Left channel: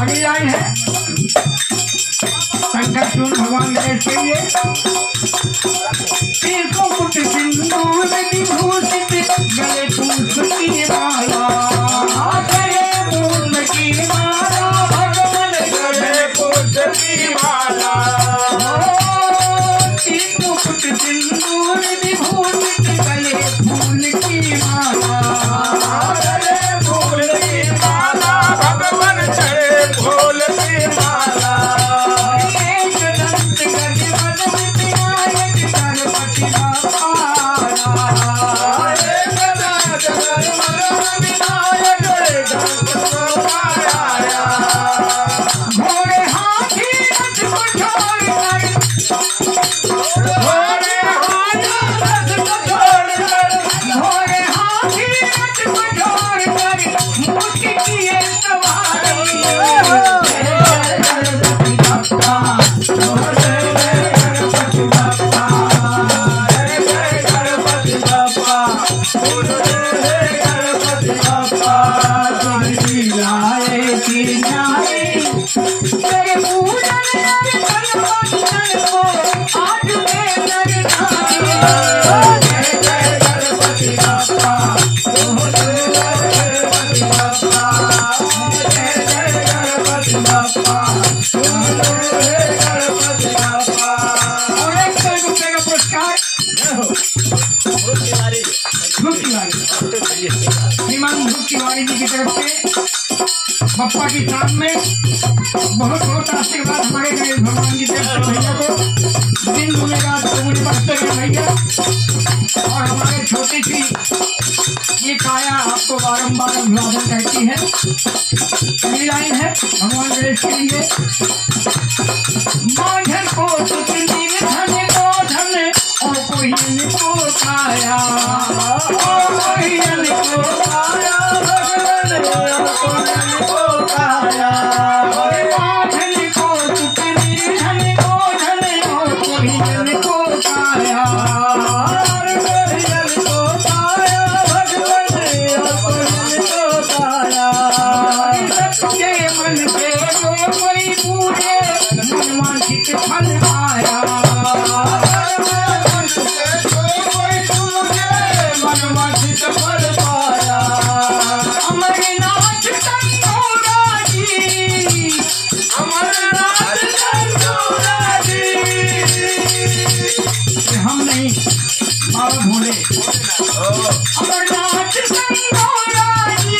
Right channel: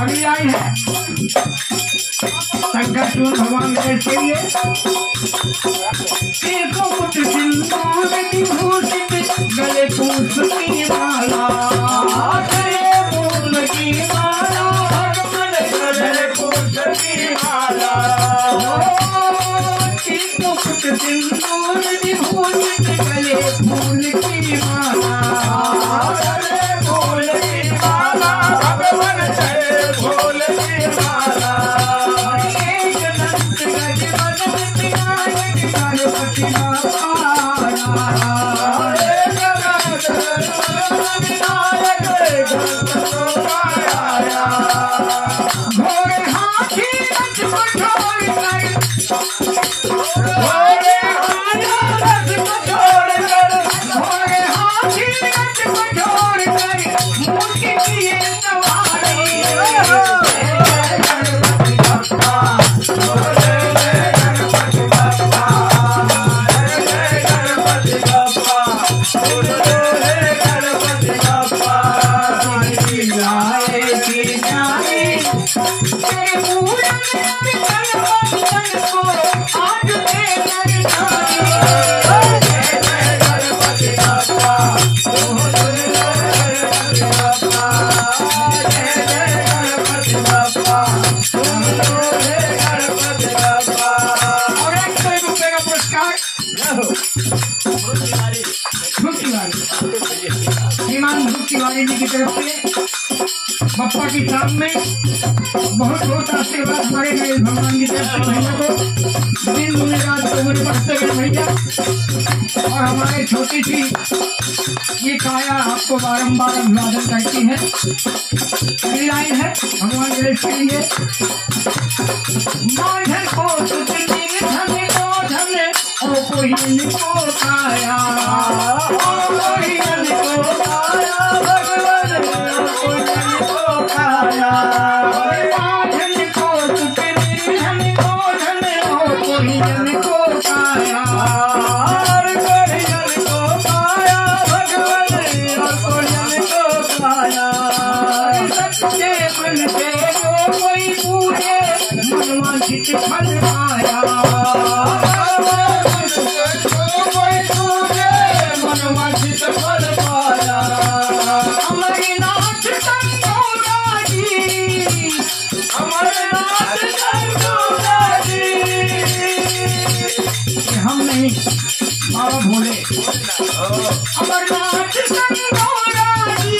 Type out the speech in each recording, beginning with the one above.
अगली लाइन है संकट भगवान गणेश के लिए कुछ सिंदूर विभूषित गले पुष्प की माला गले पुष्प की माला भगवान गले पुष्प की माला कुछ सिंदूर विभूषित गले फूल की माला गले फूल की माला भगवान गले फूल की माला श्रीमान ध्रुव तिवारी जी की तरफ से बप्पा की शाम में बहुत बहुत आशीर्वाद हमारे गणेश भगवान की तरफ से भैया को दिन दुनिया रात तो मुझे बढ़ते गए भैया। और हमारे छोटी सी ये काया आपको बारम्बार अभिवादन करती है। अगली लाइन है भगवान गणेश के लिए माधन को धन को धन और कोई को काया कोई को काया भगवान को काया धन को धन को धन और कोई को काया सबके मन से जो कोई पूरे मनवांछित फल पाया मनवांछित फल पाया। अमरनाथ गंगोरा जी अमरनाथ गंगोरा जी हम नहीं बाबा भोले अमरनाथ गंगोरा जी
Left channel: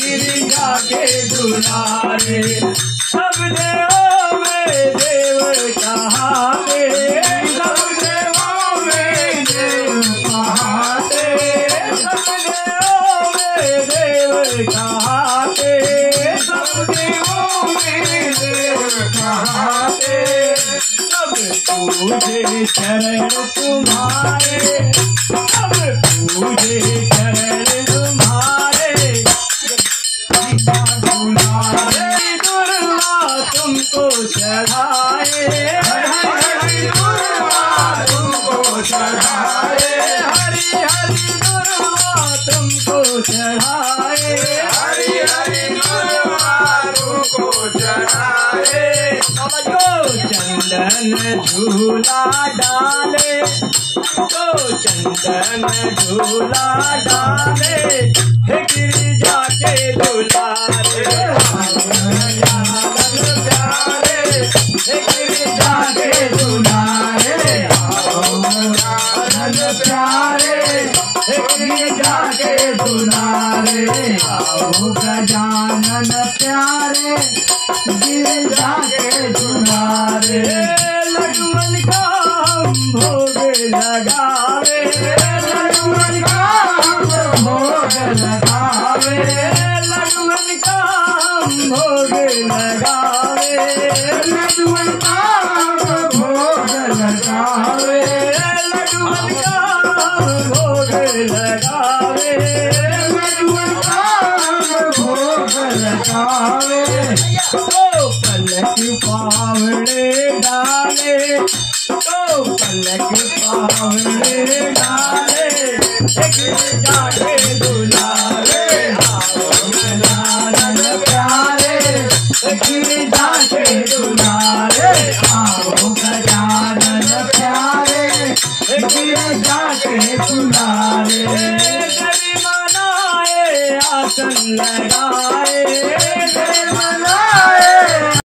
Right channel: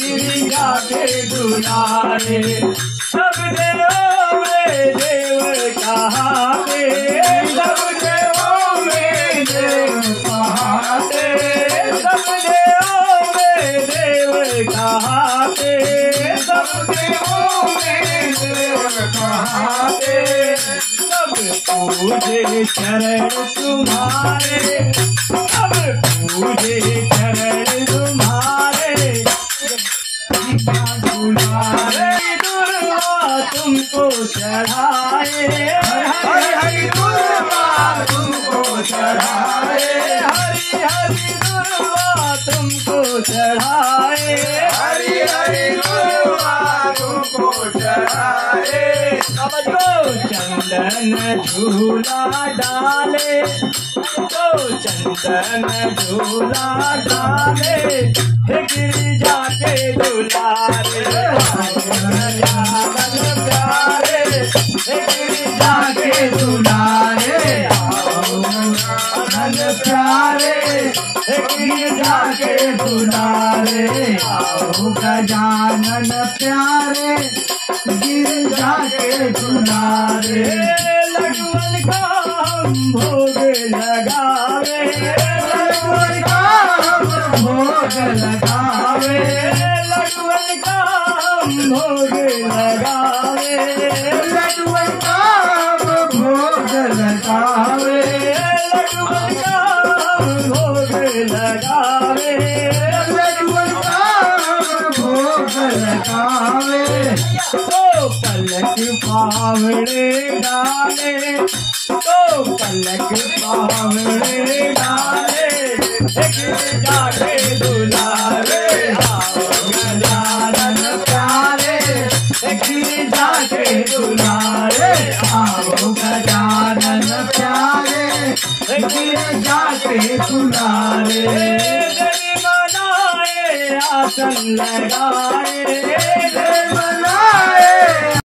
गिरिजा के दुलारे सब देवों में देव कहाते सब देवों में देव कहाते सब देवों में देव कहाते, सब देवों में देव कहाते, सब पूजे चरण तुम्हारे, सब पूजे चरण तुम्हारे, दुलारे दुर्वा तुमको चढ़ाए, हरि दुर्वा तुमको चढ़ाए, हरि हरि दुर्वा तुमको चढ़ाए, हरि हरि दुर्वा तुमको चढ़ाए। तो चंदन झूला डाले, तो चंदन झूला डाले, हे गिरिजा के दुलारे, प्यारे, हे गिरिजा के दुलारे, प्यारे, हे गिरिजा के दुलारे, आओ गजानन प्यारे, गिरिजा के दुलारे। लक्ष्मण का हम भोग लगावे, लक्ष्मण का हम भोग लगावे, लक्ष्मण का हम भोग लगावे, लक्ष्मण का हम भोग लगावे, लक्ष्मण का हम भोग लगावे, लक्ष्मण का हम भोग लगावे। तो पलक पावड़े डाले, तो पलक पावड़े डाले, गिरिजा के दुलारे, आओ गजानन प्यारे, गिरिजा के दुलारे, आओ गजानन प्यारे, गिरिजा के दुलारे। गरीब बनाए आसन लगाए, गरीब बनाए